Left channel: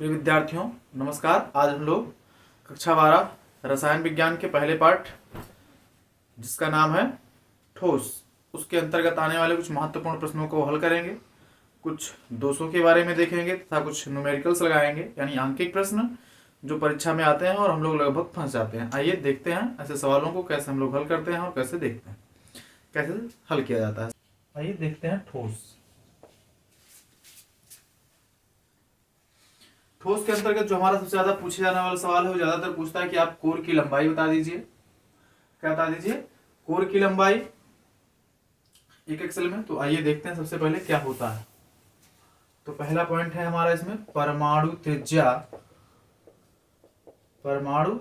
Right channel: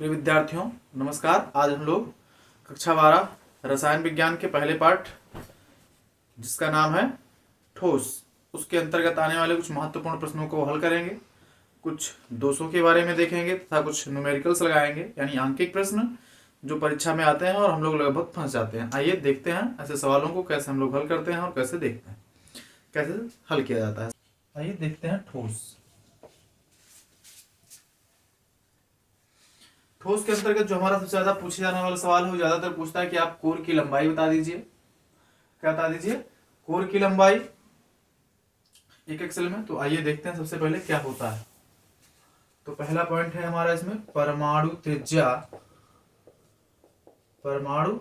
प्रिय विद्यार्थियों, नमस्कार। आज हम लोग कक्षा 12 रसायन विज्ञान के पहले पाठ, जिसका नाम है ठोस, उसके अंतर्गत आने वाले कुछ महत्वपूर्ण प्रश्नों को हल करेंगे। कुछ दोषों के बारे में देखेंगे तथा कुछ न्यूमेरिकल्स लगाएंगे, यानी आंकिक प्रश्न जो परीक्षा में आते हैं और हम लोग लगभग फंस जाते हैं। आइए देखते हैं ऐसे सवालों को कैसे हम लोग हल करते हैं और कैसे देखते हैं कैसे हल किया जाता है। आइए देखते हैं ठोस। ठोस के अंतर्गत जो हमारा सबसे ज्यादा पूछे जाने वाला सवाल है, वो ज्यादातर पूछता है कि आप कोर की लंबाई बता दीजिए। क्या बता दीजिए? कोर की लंबाई एक एक्सेल में। तो आइए देखते हैं सबसे पहले क्या होता है। तो पहला पॉइंट है हमारा इसमें परमाणु त्रिज्या। परमाणु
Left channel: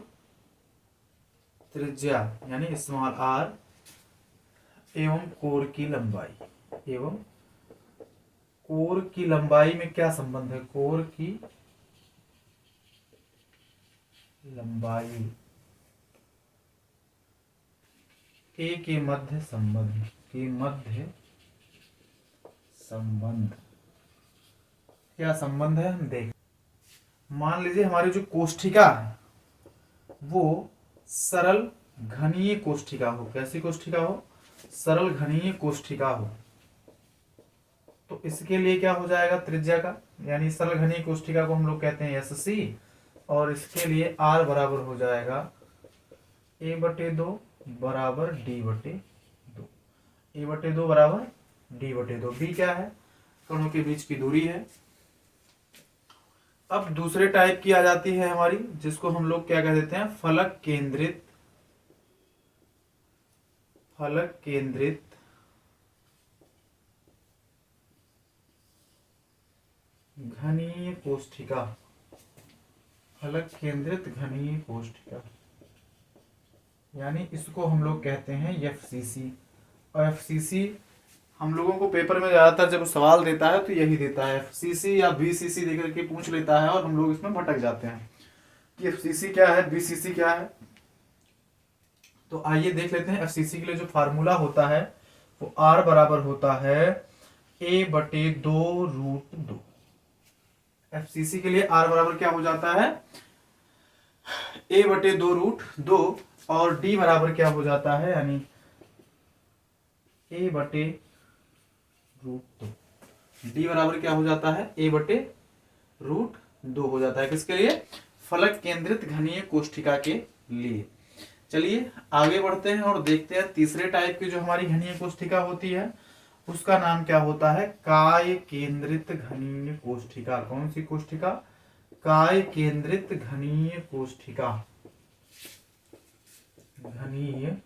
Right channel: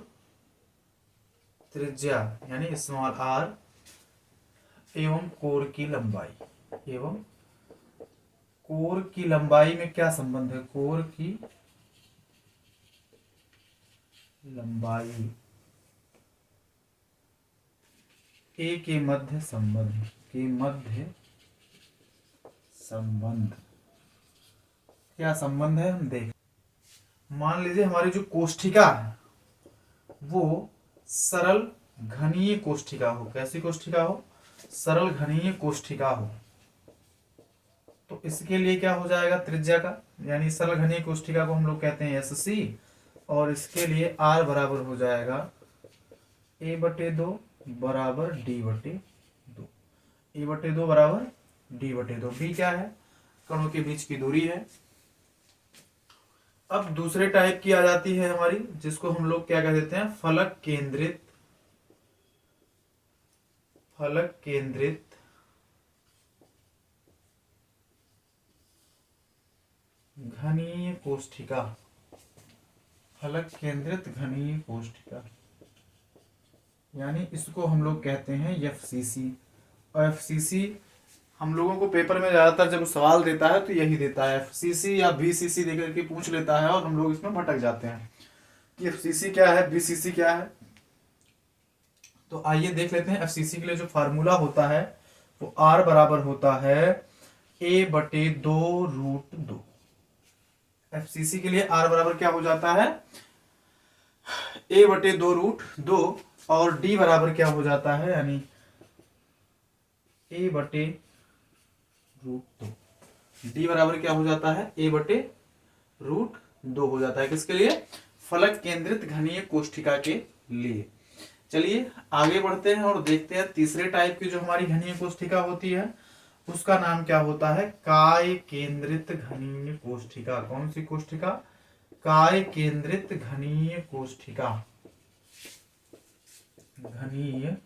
त्रिज्या यानी स्मॉल आर एवं कोर की लंबाई। एवं कोर की लंबाई में क्या संबंध है? कोर की लंबाई ए के मध्य संबंध क्या संबंध है हम देख। मान लीजिए हमारी जो कोष्ठिका है वो सरल घनीय कोष्ठिका हो। कैसी कोष्ठिका हो? सरल घनीय कोष्ठिका हो। तो इसके लिए क्या हो जाएगा त्रिज्या का, यानी सरल घनीय कोष्ठिका को हम लोग कहते हैं SC, और इसके लिए R बराबर हो जाएगा A/2 बराबर D/2। A/2 बराबर D/2। D क्या है? कणों के बीच की दूरी है। अब दूसरे टाइप की आ जाती है हमारी, जिसको हम लोग क्या कह देते हैं? फलक केंद्रित घनीय कोष्ठिका। फलक केंद्रित घनीय कोष्ठिका यानी इसको हम लोग कहते हैं FCC। और FCC हम लोगों को पेपर में ज्यादातर जब सवाल देता है तो यही देता है, FCC या BCC देकर के पूछ लेता है, और हम लोग इसमें भटक जाते हैं कि FCC क्या है, BCC क्या है। तो आइए देख लेते हैं। FCC के लिए जो फार्मूला होता है वो R बराबर होता है A/2√2। FCC के लिए R बराबर क्या हो जाता है? A/2√2। और D बराबर क्या हो जाता है? यानी A/√2। D बराबर क्या हो जाता है? A/√2 हो जाता है। किसके लिए? फलक केंद्रित घनीय कोष्ठिका के लिए। चलिए आगे बढ़ते हैं और देखते हैं तीसरे टाइप की जो हमारी घनीय कोष्ठिका होती है उसका नाम क्या होता है? काय केंद्रित घनीय कोष्ठिका। कौन सी कोष्ठिका? काय केंद्रित घनीय कोष्ठिका। घनीय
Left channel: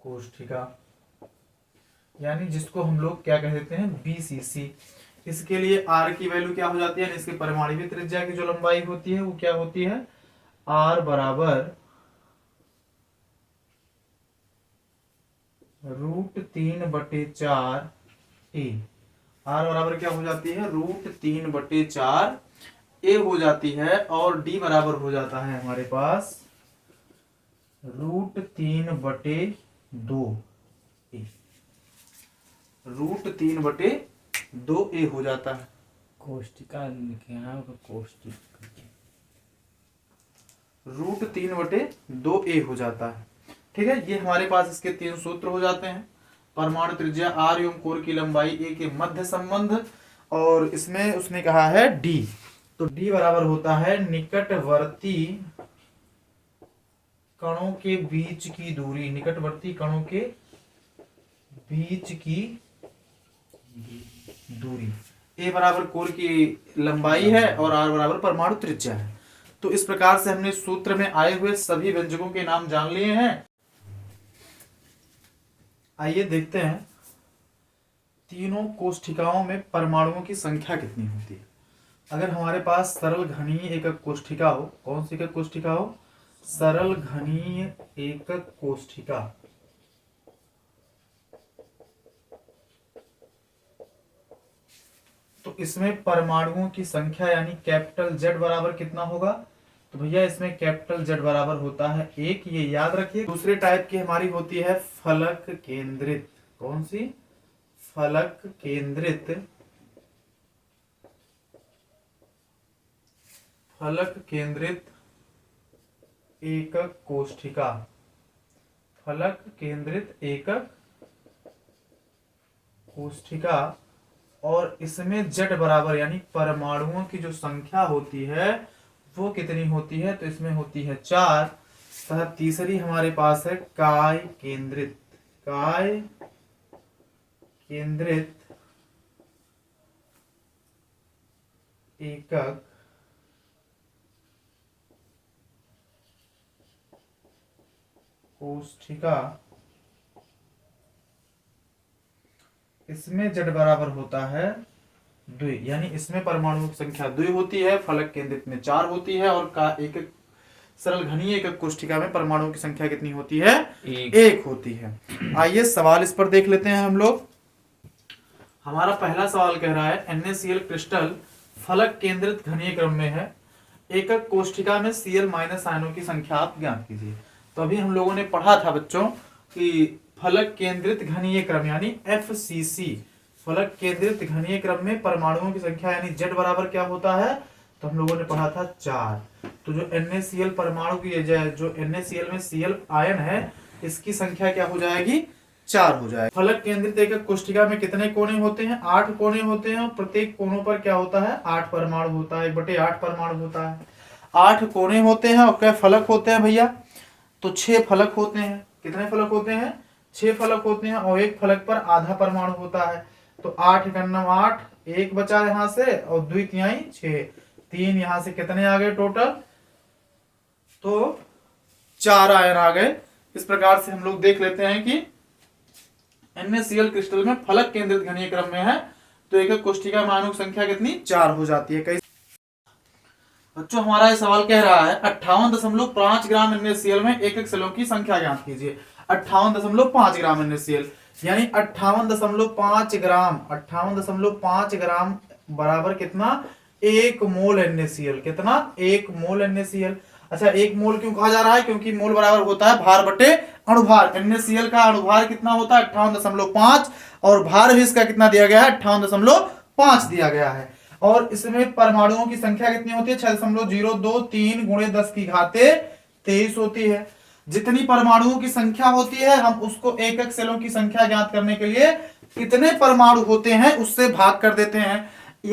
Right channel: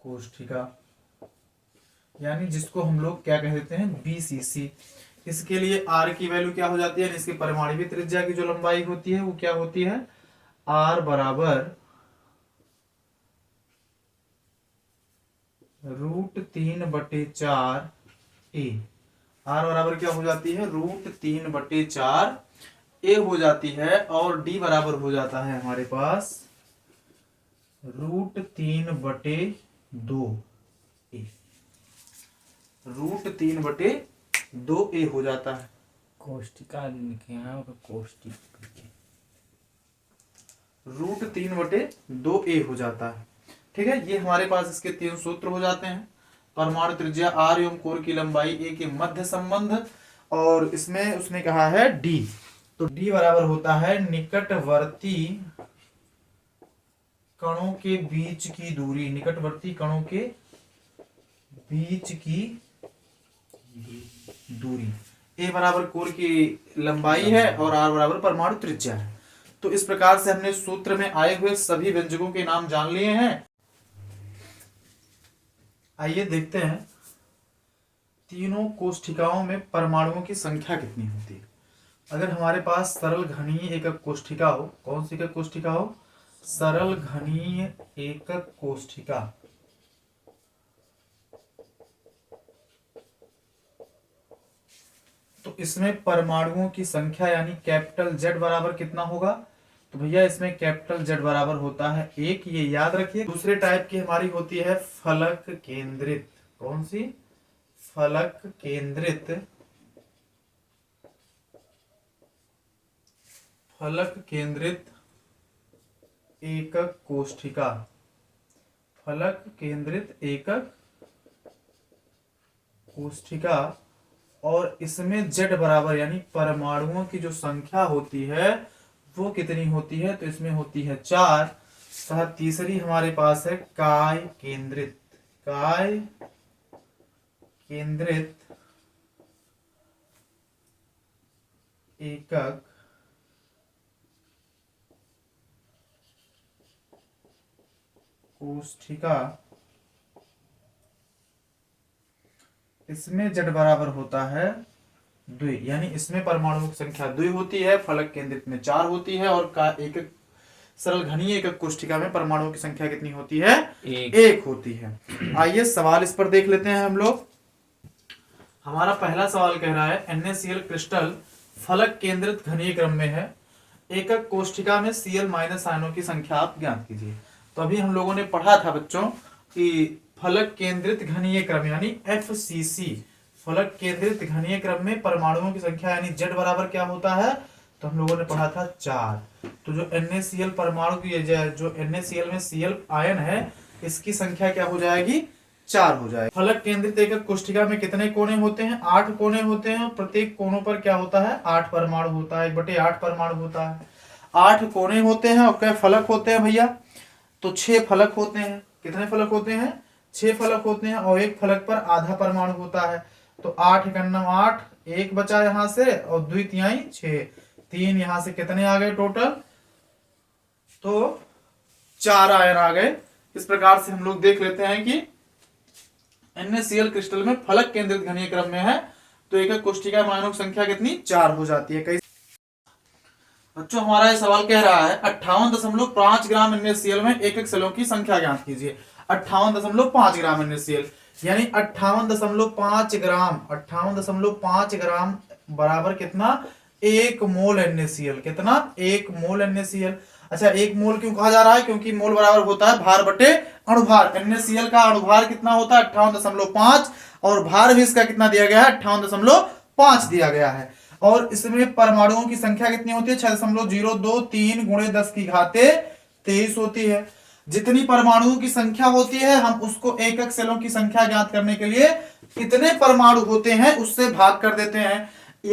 कोष्ठिका यानी जिसको हम लोग क्या कह देते हैं? BCC। इसके लिए R की वैल्यू क्या हो जाती है? इसकी परमाणविक त्रिज्या की जो लंबाई होती है वो क्या होती है? R बराबर √3/4 A। R बराबर क्या हो जाती है? √3/4 A हो जाती है। और D बराबर हो जाता है हमारे पास √3/2 A। √3/2 A हो जाता है। कोष्ठिका लिखे हैं कोष्ठिका √3/2 A हो जाता है। ठीक है, ये हमारे पास इसके 3 सूत्र हो जाते हैं। परमाणु त्रिज्या R एवं कोर की लंबाई A के मध्य संबंध, और इसमें उसने कहा है D। तो D बराबर होता है निकटवर्ती कणों के बीच की दूरी। निकटवर्ती कणों के बीच की दूरी। A बराबर कोर की लंबाई है और R बराबर परमाणु त्रिज्या है। तो इस प्रकार से हमने सूत्र में आए हुए सभी व्यंजकों के नाम जान लिए हैं। आइए देखते हैं तीनों कोष्ठिकाओं में परमाणुओं की संख्या कितनी होती है। अगर हमारे पास सरल घनीय एकक कोष्ठिका हो, कौन सी एकक कोष्ठिका हो? सरल घनीय एकक कोष्ठिका। तो इसमें परमाणुओं की संख्या यानी कैपिटल Z बराबर कितना होगा? तो भैया इसमें कैपिटल Z बराबर होता है 1, ये याद रखिए। दूसरे टाइप की हमारी होती है फलक केंद्रित। कौन सी? फलक केंद्रित फलक केंद्रित एकक कोष्ठिका, फलक केंद्रित एकक कोष्ठिका, और इसमें z बराबर यानी परमाणुओं की जो संख्या होती है वो कितनी होती है, तो इसमें होती है 4। तथा तीसरी हमारे पास है काय केंद्रित, काय केंद्रित एकक कोष्ठिका, इसमें z बराबर होता है 2, यानी इसमें परमाणुओं की संख्या 2 होती है, फलक केंद्रित में 4 होती है, और का एकक सरल घनीय एकक कोष्ठिका में परमाणुओं की संख्या कितनी होती है, 1 होती है। आइए सवाल इस पर देख लेते हैं हम लोग। हमारा पहला सवाल कह रहा है NaCl क्रिस्टल फलक केंद्रित घनीय क्रम में है, एकक कोष्ठिका में Cl माइनस आयनों की संख्या आप ज्ञात कीजिए। तो अभी हम लोगों ने पढ़ा था बच्चों कि फलक केंद्रित घनीय क्रम यानी FCC, फलक केंद्रित घनीय क्रम में परमाणुओं की संख्या यानी Z बराबर क्या होता है, तो हम लोगों ने पढ़ा था 4। तो जो NaCl परमाणु की जो NaCl में Cl आयन है इसकी संख्या क्या हो जाएगी, 4 हो जाएगी। फलक केंद्रित एकक कोष्ठिका में कितने कोने होते हैं, 8 कोने होते हैं, और प्रत्येक कोनों पर क्या होता है, 8 परमाणु होता है, 1/8 परमाणु होता है। 8 कोने होते हैं और क्या फलक होते हैं भैया, तो 6 फलक होते हैं। कितने फलक होते हैं, 6 फलक होते हैं, और एक फलक पर आधा परमाणु होता है। तो 8 एकन्नम 8, 1 बचा यहां से, और 2 तिहाई 6, 3 यहां से कितने आ गए टोटल, तो 4 आयन आ गए। इस प्रकार से हम लोग देख लेते हैं कि NaCl क्रिस्टल में फलक केंद्रित घनीय क्रम में है तो एकक कोष्ठिका में आयनों की संख्या कितनी, 4 हो जाती है। कई बच्चों हमारा ये सवाल कह रहा है 58.5 ग्राम NaCl में एकक सेलों की संख्या ज्ञात कीजिए। 58.5 ग्राम NaCl यानी 58.5 ग्राम, 58.5 ग्राम बराबर कितना, 1 मोल NaCl। कितना, 1 मोल NaCl। अच्छा 1 मोल क्यों कहा जा रहा है, क्योंकि मोल बराबर होता है भार बटे अणुभार। NaCl का अणुभार कितना होता है, 58.5, और भार भी इसका कितना दिया गया है, 58.5 दिया गया है। और इसमें परमाणुओं की संख्या कितनी होती है, 6.023 गुणे 10 की घाते 23 होती है। जितनी परमाणुओं की संख्या होती है हम उसको एकक सेलों की संख्या ज्ञात करने के लिए कितने परमाणु होते हैं उससे भाग कर देते हैं।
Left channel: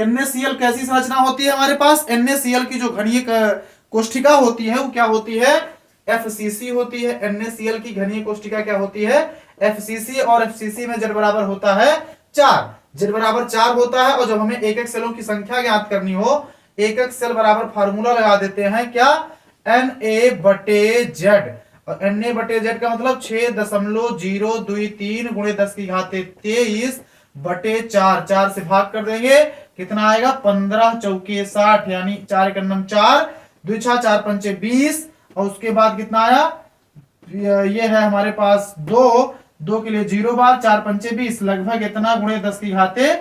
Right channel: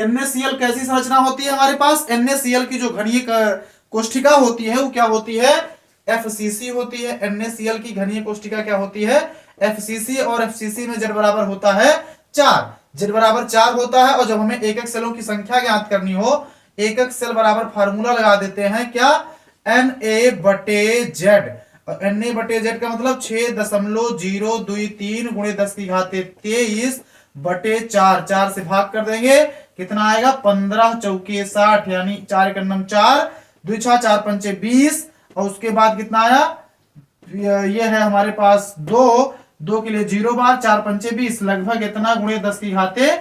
NaCl कैसी संरचना होती है हमारे पास, NaCl की जो घनीय कोष्ठिका होती है वो क्या होती है, FCC होती है। NaCl की घनीय कोष्ठिका क्या होती है, FCC, और FCC में Z बराबर होता है 4, Z बराबर 4 होता है। और जब हमें एकक सेलों की संख्या ज्ञात करनी हो, एकक सेल बराबर फार्मूला लगा देते हैं क्या, Na/Z, और Na/Z का मतलब 6.023 गुणे 10 की घात 23 बटे 4, 4 से भाग कर देंगे, कितना आएगा, 15 चौके 60, यानी 4 एकन्नम 4, 2 6 4 पंचे 20, और उसके बाद कितना आया, ये है हमारे पास 2 के लिए 0 बार, 4 पंचे 20, लगभग इतना गुणे 10 की घाते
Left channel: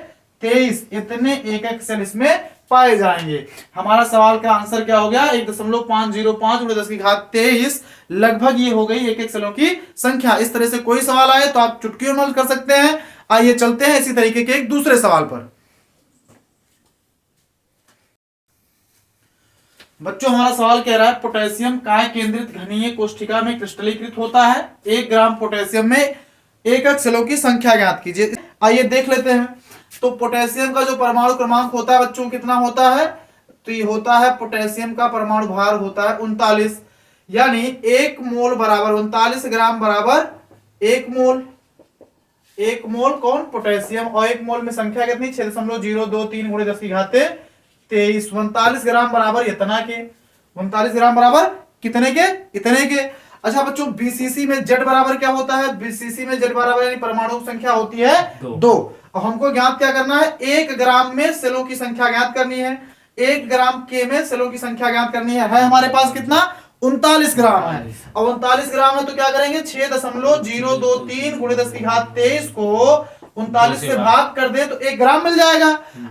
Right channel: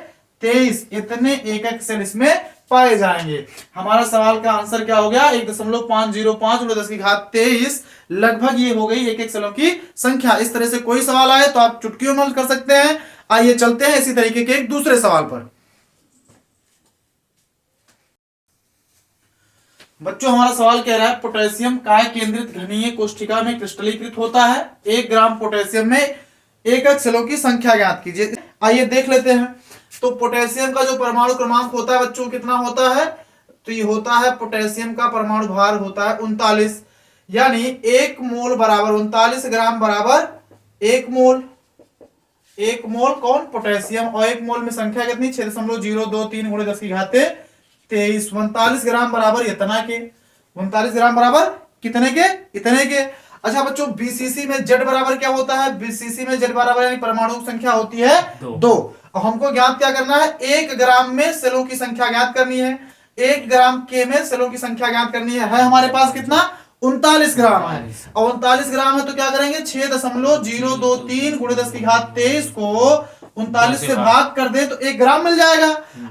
23, इतने एकक सेल इसमें पाए जाएंगे। हमारा सवाल का आंसर क्या हो गया, 1.505 गुणे 10 की घात 23, लगभग ये हो गई एकक सेलों की संख्या। इस तरह से कोई सवाल आए तो आप चुटकियों में हल कर सकते हैं। आइए चलते हैं इसी तरीके के एक दूसरे सवाल पर। बच्चों हमारा सवाल कह रहा है पोटेशियम काय केंद्रित घनीय कोष्ठिका में क्रिस्टलीकृत होता है, 1 ग्राम पोटेशियम में एकक सेलों की संख्या ज्ञात कीजिए। आइए देख लेते हैं। तो पोटेशियम का जो परमाणु क्रमांक होता है बच्चों कितना होता है, तो ये होता है पोटेशियम का परमाणु भार होता है 39, यानी 1 मोल बराबर 39 ग्राम बराबर 1 मोल। 1 मोल कौन, पोटेशियम, और 1 मोल में संख्या कितनी, 6.023 गुणे 10 की घाते 23, 39 ग्राम बराबर इतना के, 39 ग्राम बराबर कितने के, इतने के। अच्छा बच्चों BCC में Z बराबर क्या होता है, BCC में Z बराबर यानी परमाणु की संख्या होती है 2। अब हमको ज्ञात क्या करना है, 1 ग्राम में सेलों की संख्या ज्ञात करनी है, 1 ग्राम के में सेलों की संख्या ज्ञात करनी है हमारे पास कितना, 39 ग्राम है। और 39 ग्राम है तो क्या करेंगे, 6.023 गुणे 10 की घात 23 को 39 से भाग कर दे तो 1 ग्राम मिल जाएगा।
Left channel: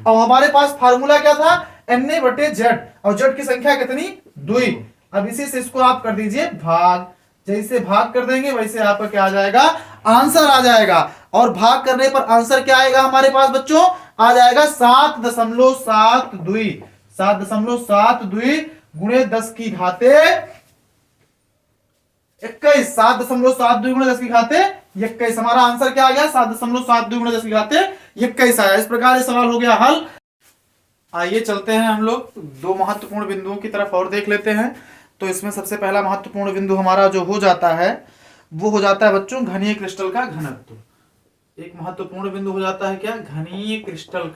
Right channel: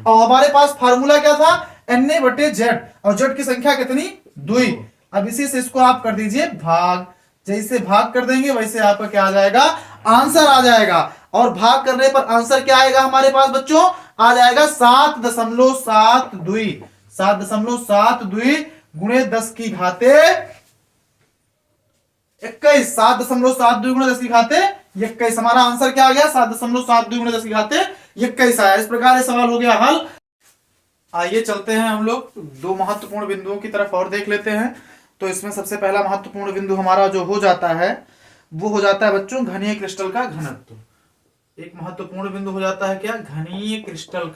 और हमारे पास फार्मूला क्या था, Na/Z, और Z की संख्या कितनी, 2। अब इसी से इसको आप कर दीजिए भाग, जैसे भाग कर देंगे वैसे आपका क्या आ जाएगा, आंसर आ जाएगा। और भाग करने पर आंसर क्या आएगा हमारे पास बच्चों, आ जाएगा 7.72, 7.72 गुणे 10 की घाते 21, 7.72 गुणे 10 की घाते 21। हमारा आंसर क्या आ गया? 7.72 गुणे 10 की घाते 21 आया। इस प्रकार ये सवाल हो गया हल। आइए चलते हैं हम लोग दो महत्वपूर्ण बिंदुओं की तरफ और देख लेते हैं। तो इसमें सबसे पहला महत्वपूर्ण बिंदु हमारा जो हो जाता है वो हो जाता है बच्चों घनीय क्रिस्टल का घनत्व। एक महत्वपूर्ण बिंदु हो जाता है क्या? घनीय क्रिस्टल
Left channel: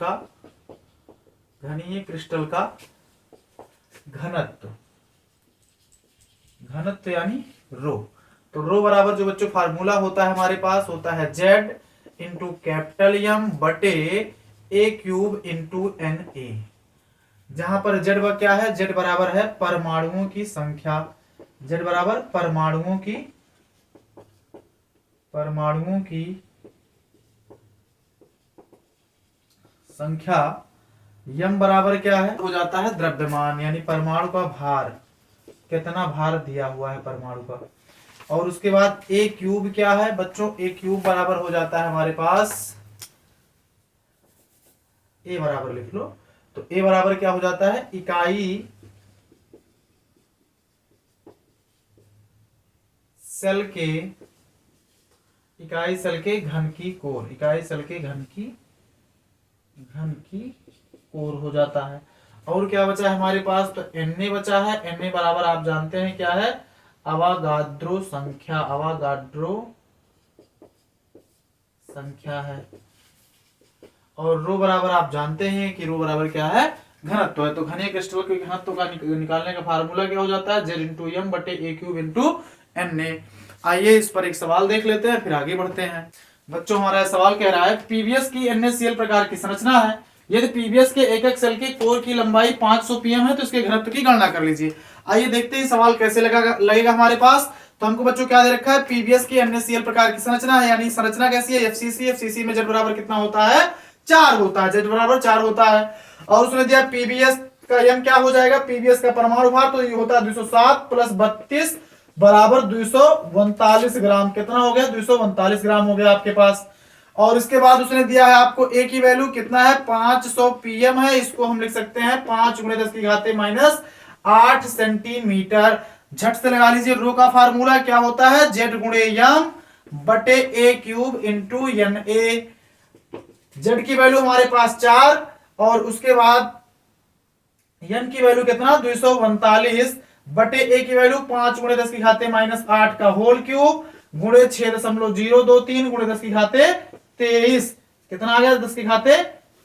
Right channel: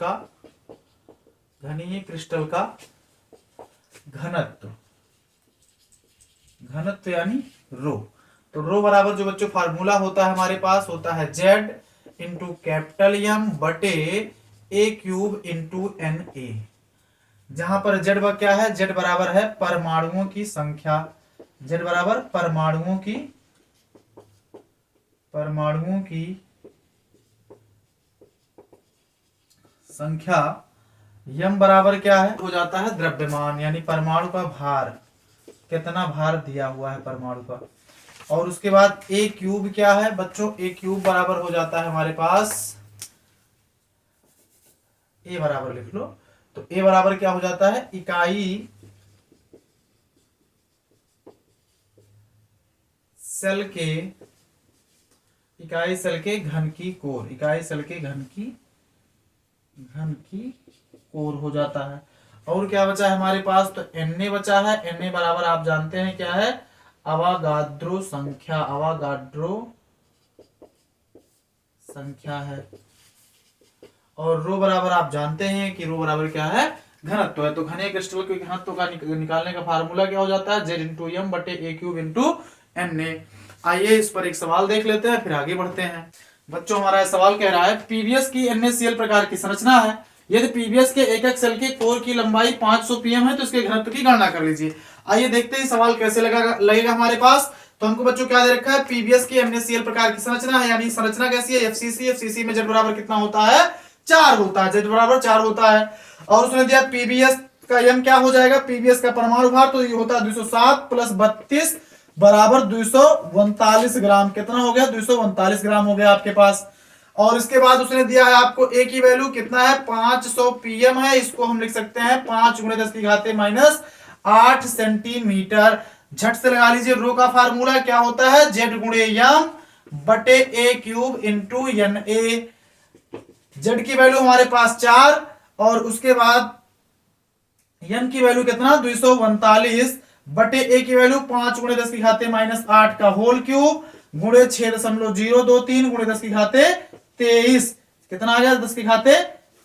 का घनत्व। घनत्व यानी रो। तो रो बराबर जो बच्चों फार्मूला होता है हमारे पास होता है Z इंटू कैपिटल एम बटे ए क्यूब इंटू एन ए। जहां पर Z क्या है? Z बराबर है परमाणुओं की संख्या। Z बराबर परमाणुओं की संख्या। यम बराबर क्या है? हो जाता है द्रव्यमान यानी परमाणु का भार, कितना भार दिया हुआ है परमाणु का। और उसके बाद ए क्यूब क्या है बच्चों? ए क्यूब बराबर हो जाता है हमारे पास, ए बराबर लिख लो। तो ए बराबर क्या हो जाता है? इकाई सेल के घन की कोर, इकाई सेल के घन की कोर हो जाता है। और क्या बचा है हमारे पास? तो Na बचा है। Na बराबर आप जानते हैं क्या है? अवागाद्रो संख्या है। और रो बराबर आप जानते हैं कि रो बराबर क्या है? घनत्व है। तो घनीय क्रिस्टल के घनत्व का निकालने का फार्मूला क्या हो जाता है? Z इंटू एम बटे ए क्यूब इंटू Na। आइए इस पर एक सवाल देख लेते हैं फिर आगे बढ़ते हैं। बच्चों हमारा सवाल कह रहा है पीवीएस की NaCl प्रकार की संरचना है। यदि पीवीएस के एक सेल के कोर की लंबाई 500 pm है तो इसके घनत्व की गणना कर लीजिए। आइए देखते हैं सवाल कैसे लगेगा हमारे पास। तो हमको बच्चों क्या दे रखा है? पीवीएस की NaCl प्रकार की संरचना है, यानी संरचना कैसी है? FCC में Z बराबर कितना होता है? 4 होता है। Z बराबर 4 होता है। और उसने दिया पीवीएस का यम क्या हो जाएगा? पीवीएस का परमाणु भार तो ये होता है 207 प्लस 32 बराबर 239 ग्राम। कितना हो गया? 239 ग्राम हो गया आपके पास। और इसके बाद उसने दिया है आपको ए की वैल्यू कितना है? 500 pm है। इसको हम लिख सकते हैं 5 गुणे 10 की घाते माइनस 8 सेंटीमीटर। झट से लगा लीजिए रो का फार्मूला क्या होता है? Z गुणे यम बटे A cube into N A. Z की वैल्यू हमारे पास 4 और उसके बाद n की वैल्यू कितना? 239 बटे ए की वैल्यू 5 गुणे 10 की घाते माइनस 8 का होल क्यूब गुणे 6.023 गुणे 10 की घाते 23। कितना आ गया? 10 की घाते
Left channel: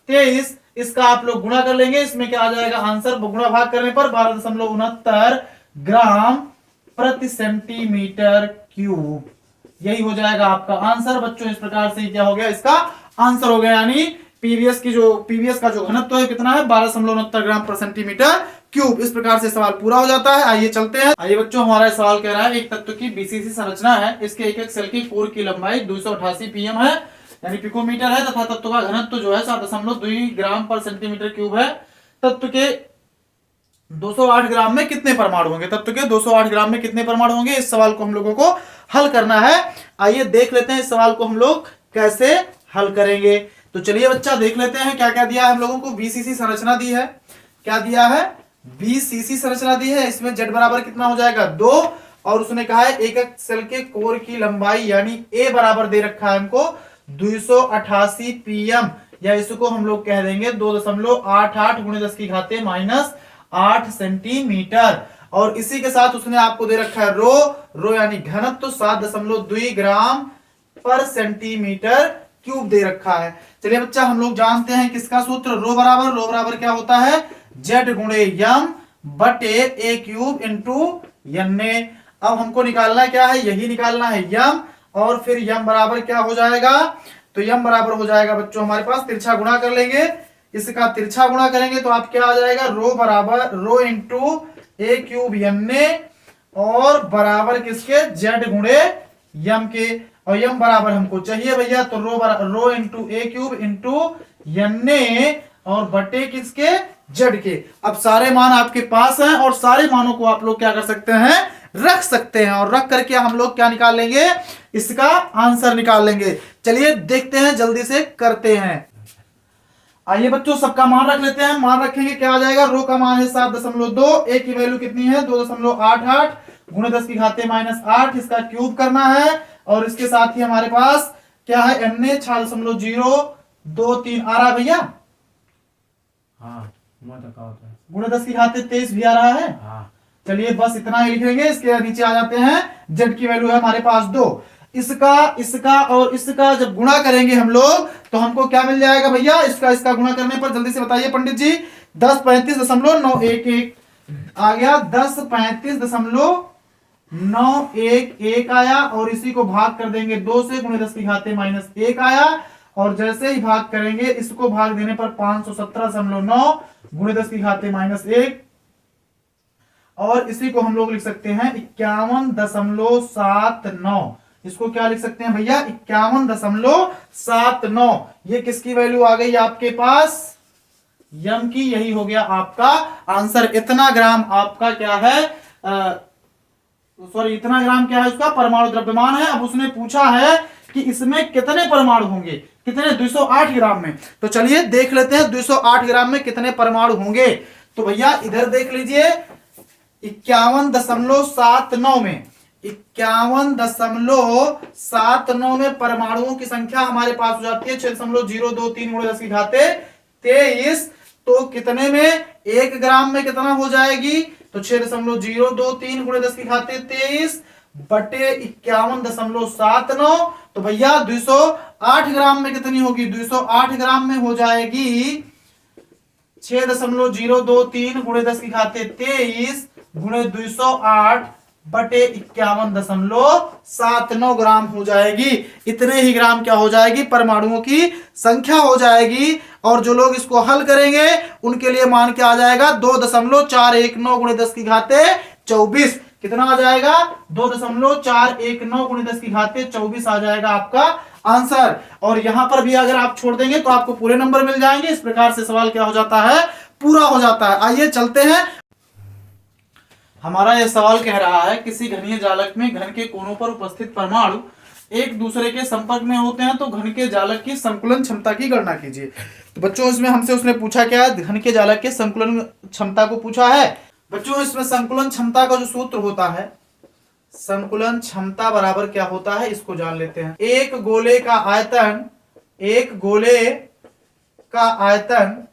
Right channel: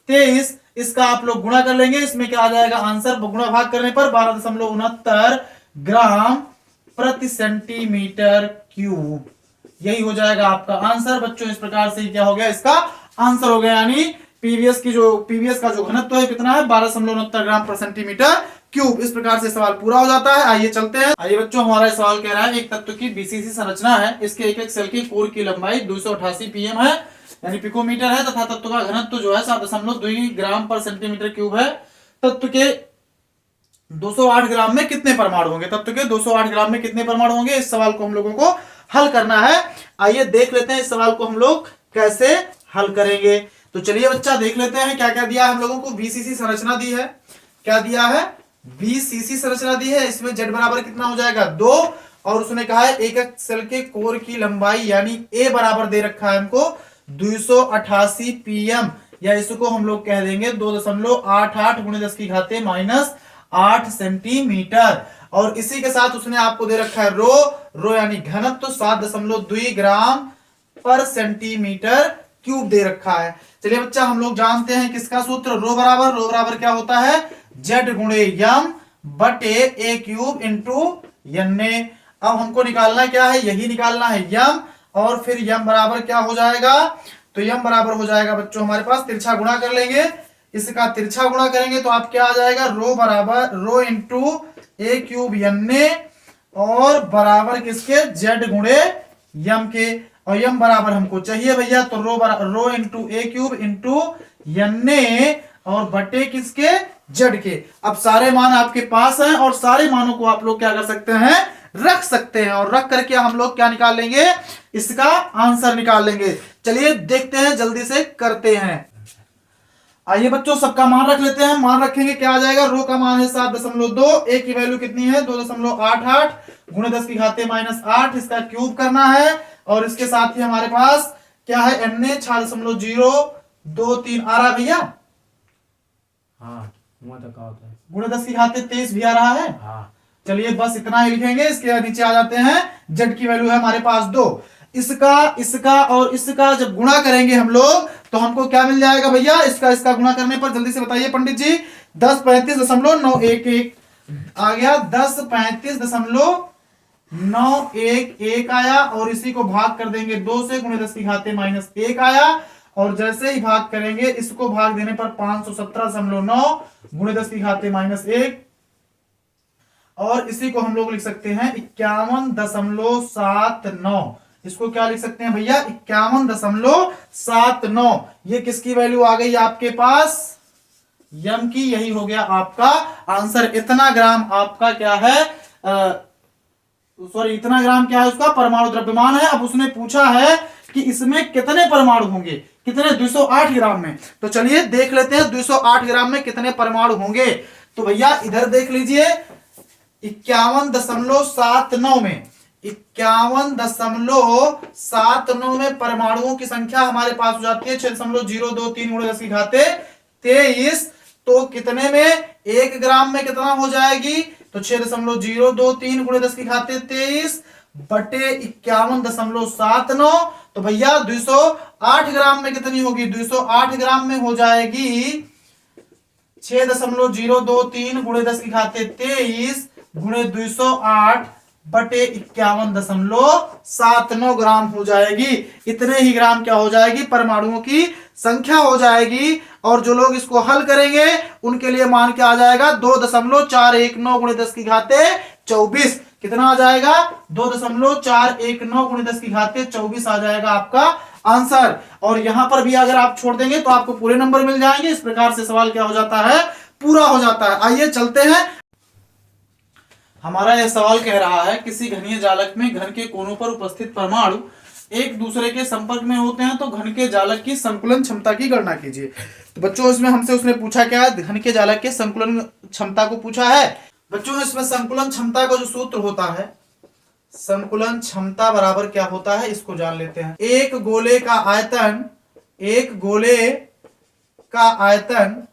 23। इसका आप लोग गुणा कर लेंगे। इसमें क्या आ जाएगा आंसर? गुणा भाग करने पर 12.69 ग्राम प्रति सेंटीमीटर क्यूब। यही हो जाएगा आपका आंसर बच्चों। इस प्रकार से क्या हो गया? इसका आंसर हो गया। यानी पीवीएस का जो घनत्व है कितना है? 12.69 ग्राम पर सेंटीमीटर क्यूब। इस प्रकार से सवाल पूरा हो जाता है। आइए चलते हैं। आइए बच्चों हमारा सवाल कह रहा है एक तत्व की बीसीसी संरचना है। इसके एक सेल की कोर की लंबाई 288 pm है यानी पिकोमीटर है तथा तत्व का घनत्व जो है 7.2 ग्राम पर सेंटीमीटर क्यूब है। तत्व के 208 ग्राम में कितने परमाणु होंगे? तत्व के 208 ग्राम में कितने परमाणु होंगे? इस सवाल को हम लोगों को हल करना है। आइए देख लेते हैं इस सवाल को हम लोग कैसे हल करेंगे। तो चलिए बच्चा देख लेते हैं क्या क्या दिया है हम लोगों को। बीसीसी संरचना दी है। क्या दिया है? बीसीसी संरचना दी है। इसमें Z बराबर कितना हो जाएगा? 2। और उसने कहा है एक सेल के कोर की लंबाई यानी ए बराबर दे रखा है हमको 288 pm या इसको हम लोग कह देंगे 2.88 गुणे 10 की घाते माइनस 8 सेंटीमीटर। और इसी के साथ उसने आपको दे रखा है रो यानी घनत्व 7.2 ग्राम पर सेंटीमीटर क्यूब दे रखा है। चलिए बच्चा हम लोग जानते हैं किसका सूत्र? रो बराबर क्या होता है? Z गुणे यम बटे ए क्यूब इंटू Na। अब हमको निकालना क्या है? यही निकालना है यम। और फिर यम बराबर क्या हो जाएगा? तो यम बराबर हो जाएगा बच्चों हमारे पास तिरछा गुणा कर लेंगे। इसका तिरछा गुणा करेंगे तो आप क्या आ जाएगा? रो बराबर रो इंटू ए क्यूब Na और बराबर किसके? Z गुणे यम के। और यम बराबर हमको चाहिए भैया तो रो इंटू ए क्यूब इंटू Na और बटे किसके? Z के। अब सारे मान आपके पास हैं और सारे मानों को आप लोग क्या कर सकते हैं? रख सकते हैं। और रख करके हम लोग क्या निकाल लेंगे? इसका आंसर निकाल लेंगे। चलिए देखते हैं, जल्दी से करते हैं। आइए बच्चों सबका मान रख लेते हैं। मान रखेंगे क्या आ जाएगा, रो का मान है 7.2, ए की वैल्यू कितनी है 2.88 गुणे 10 की घाते -8, इसका क्यूब करना है। और इसके साथ ही हमारे पास क्या है, अन्य 6.023 आ रहा है भैया, हाँ वो तो क्या होता है। गुणे 10 की घाते 23 भी आ रहा है। हाँ चलिए बस इतना ही लिखेंगे। इसके नीचे आ जाते हैं, जेड की वैल्यू है हमारे पास 2। इसका इसका और इसका जब गुणा करेंगे हम लोग तो हमको क्या मिल जाएगा भैया, इसका इसका गुणा करने पर जल्दी से बताइए पंडित जी। 1035.911 आ गया, 1035.911 आया। और इसी को भाग कर देंगे 2 से, गुणे 10 की घाते -1 आया। और जैसे ही भाग करेंगे इसको भाग देने पर 517.9 गुणे 10 की घाते -1। और इसी को हम लोग लिख सकते हैं 51.79। इसको क्या लिख सकते हैं भैया, 51.79। ये किसकी वैल्यू आ गई आपके पास, यम की। यही हो गया आपका आंसर। इतना ग्राम आपका क्या है, सॉरी इतना ग्राम क्या है उसका परमाणु द्रव्यमान है। अब उसने पूछा है कि इसमें कितने परमाणु होंगे, कितने, 208 ग्राम में। तो चलिए देख लेते हैं 208 ग्राम में कितने परमाणु होंगे। तो भैया इधर देख लीजिए, 51.79 में, 51.79 में परमाणुओं की संख्या हमारे पास हो जाती है 6.023 गुणे 10 की घाते 23। तो कितने में, 1 ग्राम में कितना हो जाएगी, तो 6.023 गुणे 10 की घाते 23 बटे 51.79। तो भैया 208 ग्राम में कितनी होगी, 208 ग्राम में हो जाएगी 6.023 गुणे 10 की घाते 23 गुणे 208 बटे 51.79 ग्राम हो जाएगी। इतने ही ग्राम क्या हो जाएगी, परमाणुओं की संख्या हो जाएगी। और जो लोग इसको हल करेंगे उनके लिए मान क्या आ जाएगा, 2.419 गुणे 10 की घाते 24। कितना आ जाएगा, 2.419 गुणे 10 की घाते 24 आ जाएगा आपका आंसर। और यहां पर भी अगर आप छोड़ देंगे तो आपको पूरे नंबर मिल जाएंगे। इस प्रकार से सवाल क्या हो जाता है, पूरा हो जाता है। आइए चलते हैं। हमारा यह सवाल कह रहा है, किसी घनीय जालक में घन के कोनों पर उपस्थित परमाणु एक दूसरे के संपर्क में होते हैं तो घन के जालक की संकुलन क्षमता की गणना कीजिए। तो बच्चों इसमें हमसे उसने पूछा क्या है, घन के जालक के संकुलन क्षमता को पूछा है। बच्चों इसमें संकुलन क्षमता का जो सूत्र होता है, संकुलन क्षमता बराबर क्या होता है इसको जान लेते हैं। एक गोले का आयतन, एक गोले का आयतन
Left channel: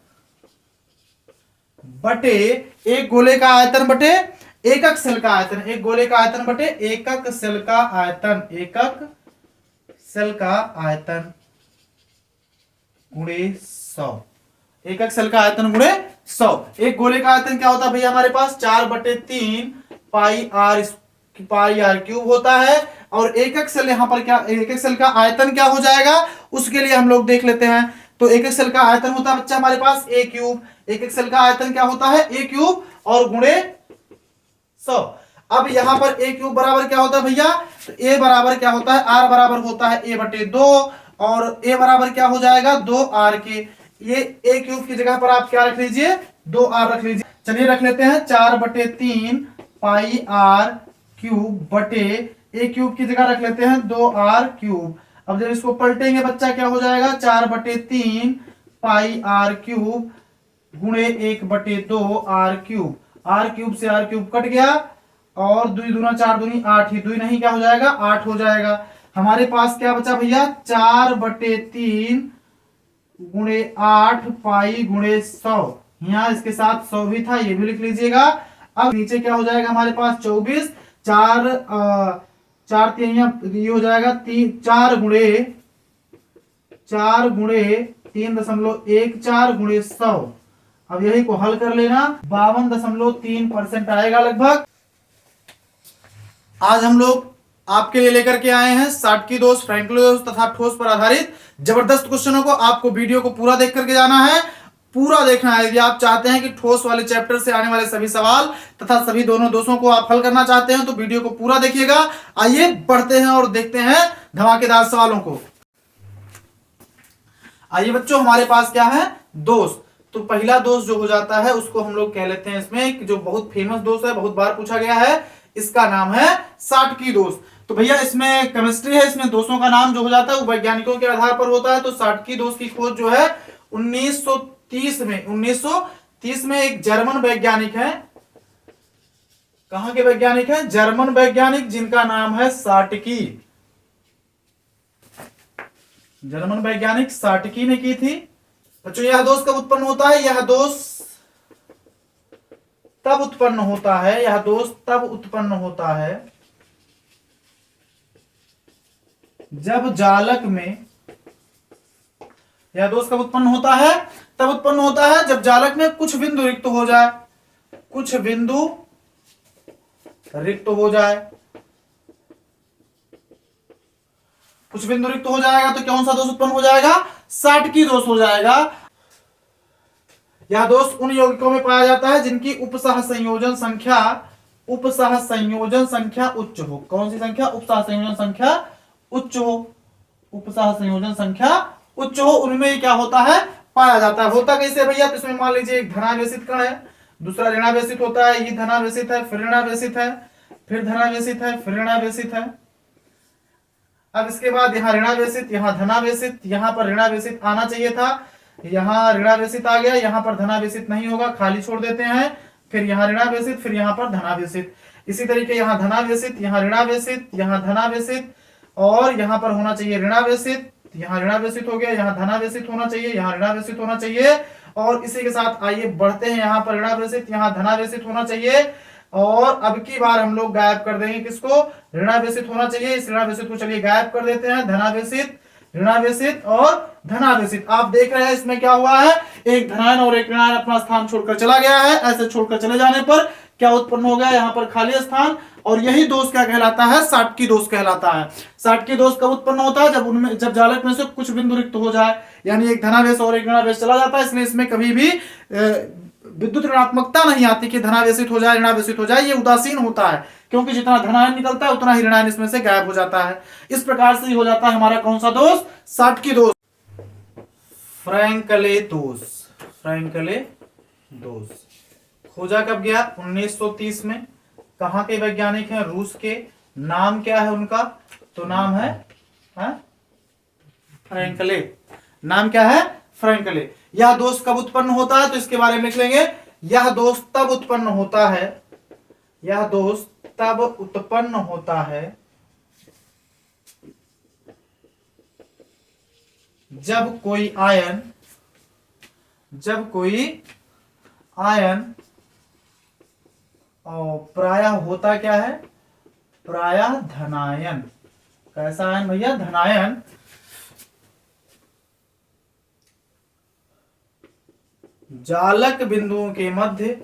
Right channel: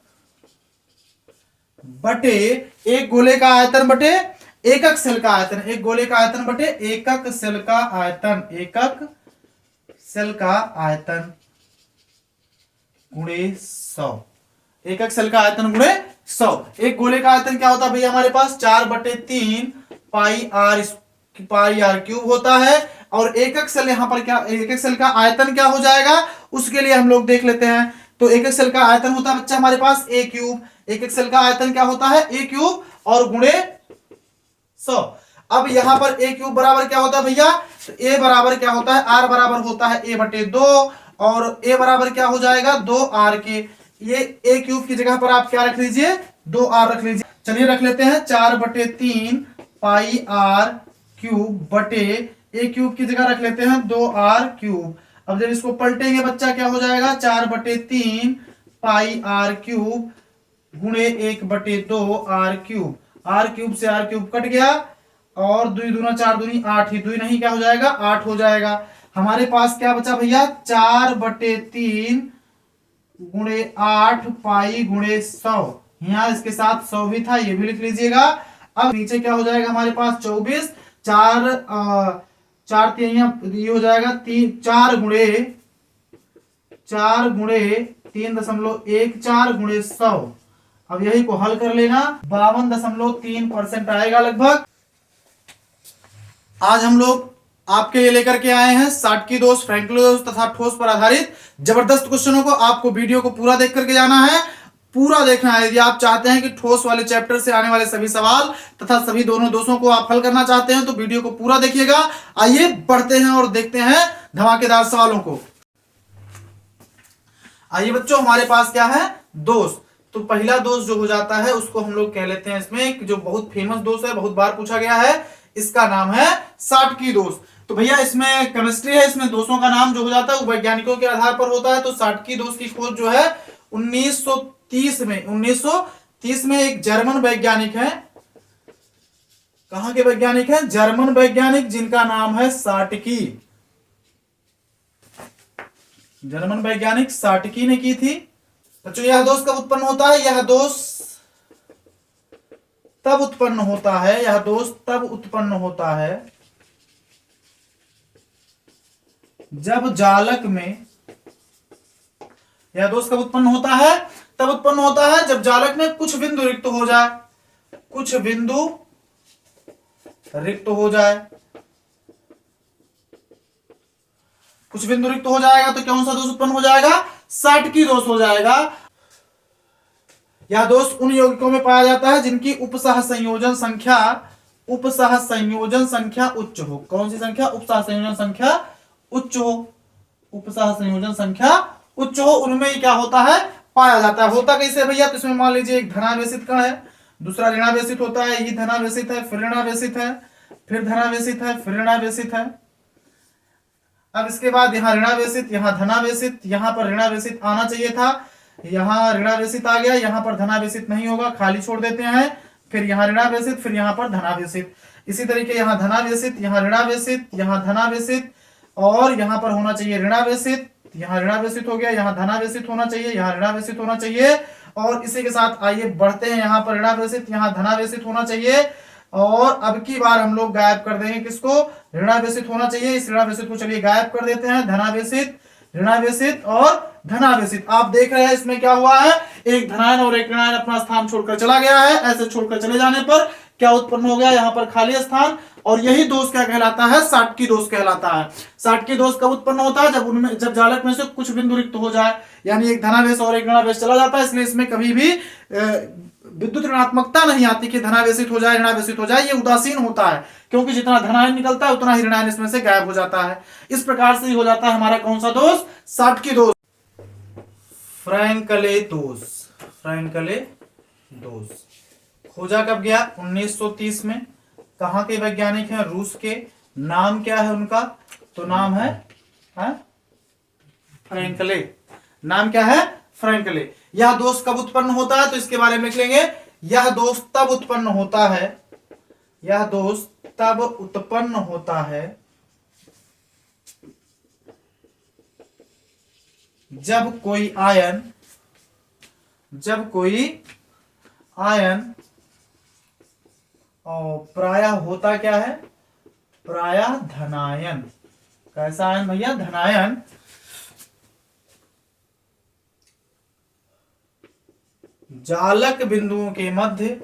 बटे, एक गोले का आयतन बटे एकक सेल का आयतन, एक गोले का आयतन बटे एकक सेल का आयतन, एकक सेल का आयतन गुणे 100, एकक सेल का आयतन गुणे 100। एक गोले का आयतन क्या होता है भैया हमारे पास, 4/3 पाई आर क्यूब होता है। और एकक सेल यहां पर क्या, एकक सेल का आयतन क्या हो जाएगा उसके लिए हम लोग देख लेते हैं। तो एकक सेल का आयतन होता है बच्चा हमारे पास ए क्यूब, एकक सेल का आयतन क्या होता है ए क्यूब और गुणे 100। अब यहां पर ए क्यूब बराबर क्या होता है भैया, तो ए बराबर क्या होता है, आर बराबर होता है ए बटे 2 और ए बराबर क्या हो जाएगा 2 आर के। ये ए क्यूब की जगह पर आप क्या रख लीजिए, 2 आर रख लीजिए। चलिए रख लेते हैं 4/3 पाई आर क्यूब बटे ए क्यूब की जगह रख लेते हैं 2 आर क्यूब। अब जब इसको पलटेंगे बच्चा क्या हो जाएगा, 4/3 पाई आर क्यूब गुणे 1/2 आर क्यूब। आर क्यूब से आर क्यूब कट गया और 2 दूना 4 दूनी 8 ही, 2 नहीं क्या हो जाएगा 8 हो जाएगा। हमारे पास क्या बचा भैया, 4/3 गुणे 8 पाई गुणे 100। यहाँ इसके साथ 100 भी था, ये भी लिख लीजिएगा। अब नीचे क्या हो जाएगा हमारे पास 24, 4 ये हो जाएगा 4 गुणे 3.14 गुणे 100। अब यही को हल कर लेना, 52.3% आएगा लगभग। आज हम लोग आपके लिए लेकर के आए हैं साटकी दोष, फ्रैंकलिन दोष तथा ठोस पर आधारित जबरदस्त क्वेश्चनों को। आपको वीडियो को पूरा देख करके जाना है, पूरा देखना है। यदि आप चाहते हैं कि ठोस वाले चैप्टर से आने वाले सभी सवाल तथा सभी दोनों दोषों को आप हल करना चाहते हैं तो वीडियो को पूरा देखिएगा। आइए बढ़ते हैं और देखते हैं धमाकेदार सवालों को। आइए बच्चों हमारे पास क्या है, दोष। तो पहला दोष जो हो जाता है उसको हम लोग कह लेते हैं, इसमें जो बहुत फेमस दोष है, बहुत बार पूछा गया है, इसका नाम है साटकी दोष। तो भैया इसमें केमिस्ट्री है, इसमें दोषों का नाम जो हो जाता है वो वैज्ञानिकों के आधार पर होता है। तो साटकी दोष की खोज जो है 1930 में एक जर्मन वैज्ञानिक है। कहां के वैज्ञानिक हैं? जर्मन वैज्ञानिक, जिनका नाम है साटकी। जर्मन वैज्ञानिक साटकी ने की थी। बच्चों यह दोष कब उत्पन्न होता है? यह दोष तब उत्पन्न होता है, यह दोष तब उत्पन्न होता है जब जालक में, यह दोष कब उत्पन्न होता है? तब उत्पन्न होता है जब जालक में कुछ बिंदु रिक्त हो जाए, कुछ बिंदु रिक्त हो जाए। कुछ बिंदु रिक्त हो जाएगा तो कौन सा दोष उत्पन्न हो जाएगा? साटकी दोष हो जाएगा। यह दोष उन यौगिकों में पाया जाता है जिनकी उपसह संयोजन संख्या उच्च हो। कौन सी संख्या? उपसह संयोजन संख्या उच्च हो। उपसह संयोजन संख्या उच्च हो, उनमें ही क्या होता है? पाया जाता है। होता कैसे भैया? तो इसमें मान लीजिए एक धनावेशित कण है, दूसरा ऋणावेशित होता है, ये धनावेशित है, फिर ऋणावेशित है, फिर धनावेशित है, फिर ऋणावेशित है। अब इसके बाद यहाँ ऋणावेशित, यहाँ धनावेशित, यहाँ पर ऋणावेशित आना चाहिए था, यहाँ ऋणावेशित आ गया, यहाँ पर धनावेशित नहीं होगा, खाली छोड़ देते हैं। फिर यहाँ ऋणावेशित, फिर यहाँ पर धनावेशित। इसी तरीके यहाँ धनावेशित, यहाँ ऋणावेशित, यहाँ धनावेशित, और यहाँ पर होना चाहिए ऋणावेशित, यहाँ ऋणावेशित हो गया, यहाँ धनावेशित होना चाहिए, यहाँ ऋणावेशित होना चाहिए। और इसी के साथ आइए बढ़ते हैं, यहाँ पर ऋणावेशित, यहाँ धनावेशित होना चाहिए। और अब की बार हम लोग गायब कर देंगे किसको? ऋणावेशित होना चाहिए। इस ऋणावेशित को चलिए गायब कर देते हैं। धनावेशित, ऋणावेशित और धनावेशित। आप देख रहे हैं इसमें क्या हुआ है? एक धनायन और एक ऋणायन अपना स्थान छोड़कर चला गया है। ऐसे छोड़कर चले जाने पर क्या उत्पन्न हो गया? यहाँ पर खाली स्थान। और यही दोष क्या कहलाता है? साटकी दोष कहलाता है। साटकी दोष कब उत्पन्न होता है? जब जालक में से कुछ बिंदु रिक्त हो जाए, यानी एक धनावेश और एक ऋणावेश चला जाता है। इसलिए इसमें कभी भी विद्युत ऋणात्मकता नहीं आती कि धनावेशित हो जाए, ऋणावेशित हो जाए। ये उदासीन होता है, क्योंकि जितना धनायन निकलता है उतना ही ऋणायन इसमें से गायब हो जाता है। इस प्रकार से हो जाता है हमारा कौन सा दोष? साटकी दोष। फ्रैंकले दोष। फ्रैंकले दोष खोजा कब गया? 1930 में। कहां के वैज्ञानिक हैं? रूस के। नाम क्या है उनका? तो नाम है फ्रैंकले। नाम क्या है? फ्रैंकले। यह दोष कब उत्पन्न होता है? तो इसके बारे में लिखेंगे। यह दोष तब उत्पन्न होता है, यह दोष तब उत्पन्न होता है जब कोई आयन और प्रायः होता क्या है? प्रायः धनायन। कैसा आयन भैया? धनायन। जालक बिंदुओं के मध्य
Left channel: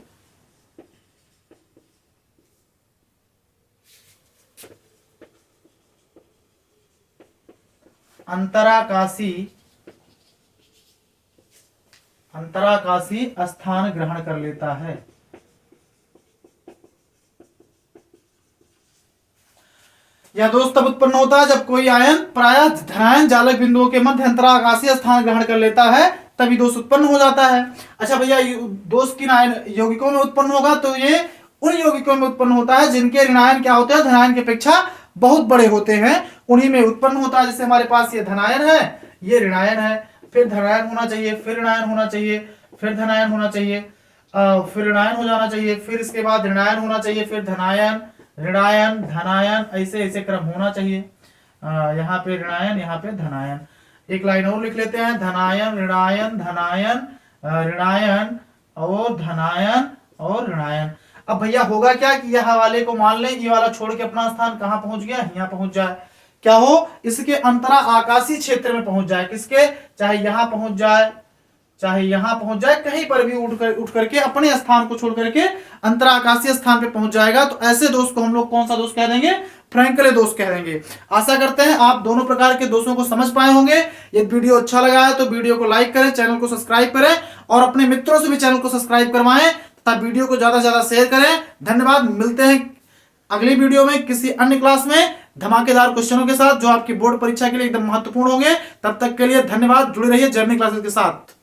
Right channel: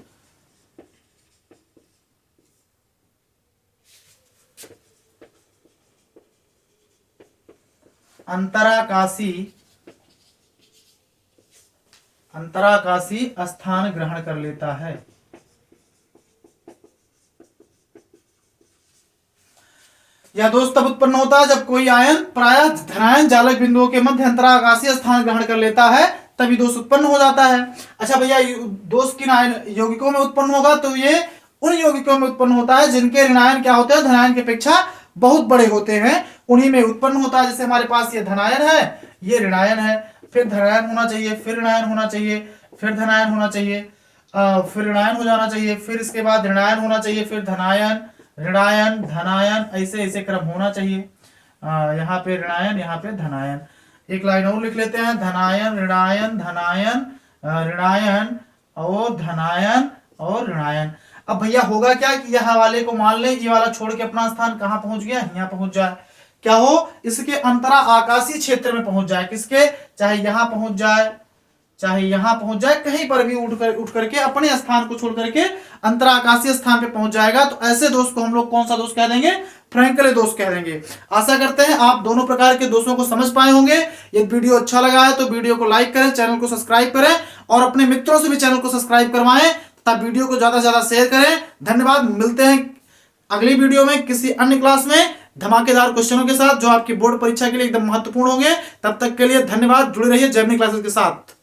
अंतराकाशी स्थान ग्रहण कर लेता है। यह दोष तब उत्पन्न होता है जब कोई आयन प्रायः धनायन जालक बिंदुओं के मध्य अंतराकाशीय स्थान ग्रहण कर लेता है, तभी दोष उत्पन्न हो जाता है। अच्छा भैया, दोष किन यौगिकों में उत्पन्न होगा? तो ये उन यौगिकों में उत्पन्न होता है जिनके ऋणायन क्या होते हैं? धनायन की अपेक्षा बहुत बड़े होते हैं, उन्हीं में उत्पन्न होता है। जैसे हमारे पास ये धनायन है, ये ऋणायन है, फिर धनायन होना चाहिए, फिर ऋणायन होना चाहिए, फिर धनायन होना चाहिए, फिर ऋणायन हो जाना चाहिए, फिर इसके बाद ऋणायन होना चाहिए, फिर धनायन, ऋणायन, धनायन, ऐसे ऐसे क्रम होना चाहिए। यहाँ पे ऋणायन, यहाँ पे धनायन। एक लाइन और लिख लेते हैं। धनायन, ऋणायन, धनायन, ऋणायन और धनायन और ऋणायन। अब भैया होगा क्या कि यह वाले को मान लें, ये वाला छोड़ के अपना स्थान कहाँ पहुंच गया? यहाँ पहुंच जाए। क्या हो? इसके अंतरा आकाशीय क्षेत्र में पहुंच जाए। किसके? चाहे यहां पहुंच जाए, चाहे यहां पहुंच जाए, कहीं पर भी उठ करके अपने स्थान को छोड़ करके अंतरा आकाशीय स्थान पे पहुंच जाएगा। तो ऐसे दोष को हम लोग कौन सा दोष कह देंगे? फ्रैंकले दोष कह देंगे। आशा करते हैं आप दोनों प्रकार के दोषों को समझ पाए होंगे। यदि वीडियो अच्छा लगा है तो वीडियो को लाइक करें, चैनल को सब्सक्राइब करें और अपने मित्रों से भी चैनल को सब्सक्राइब करवाएं तथा वीडियो को ज्यादा से ज्यादा शेयर करें। धन्यवाद। मिलते हैं अगली वीडियो में किसी अन्य क्लास में धमाकेदार क्वेश्चनों के साथ, जो आपकी बोर्ड परीक्षा के लिए एकदम महत्वपूर्ण होंगे। तब तक के लिए धन्यवाद। जुड़े रहिए जर्नी क्लासेस के साथ।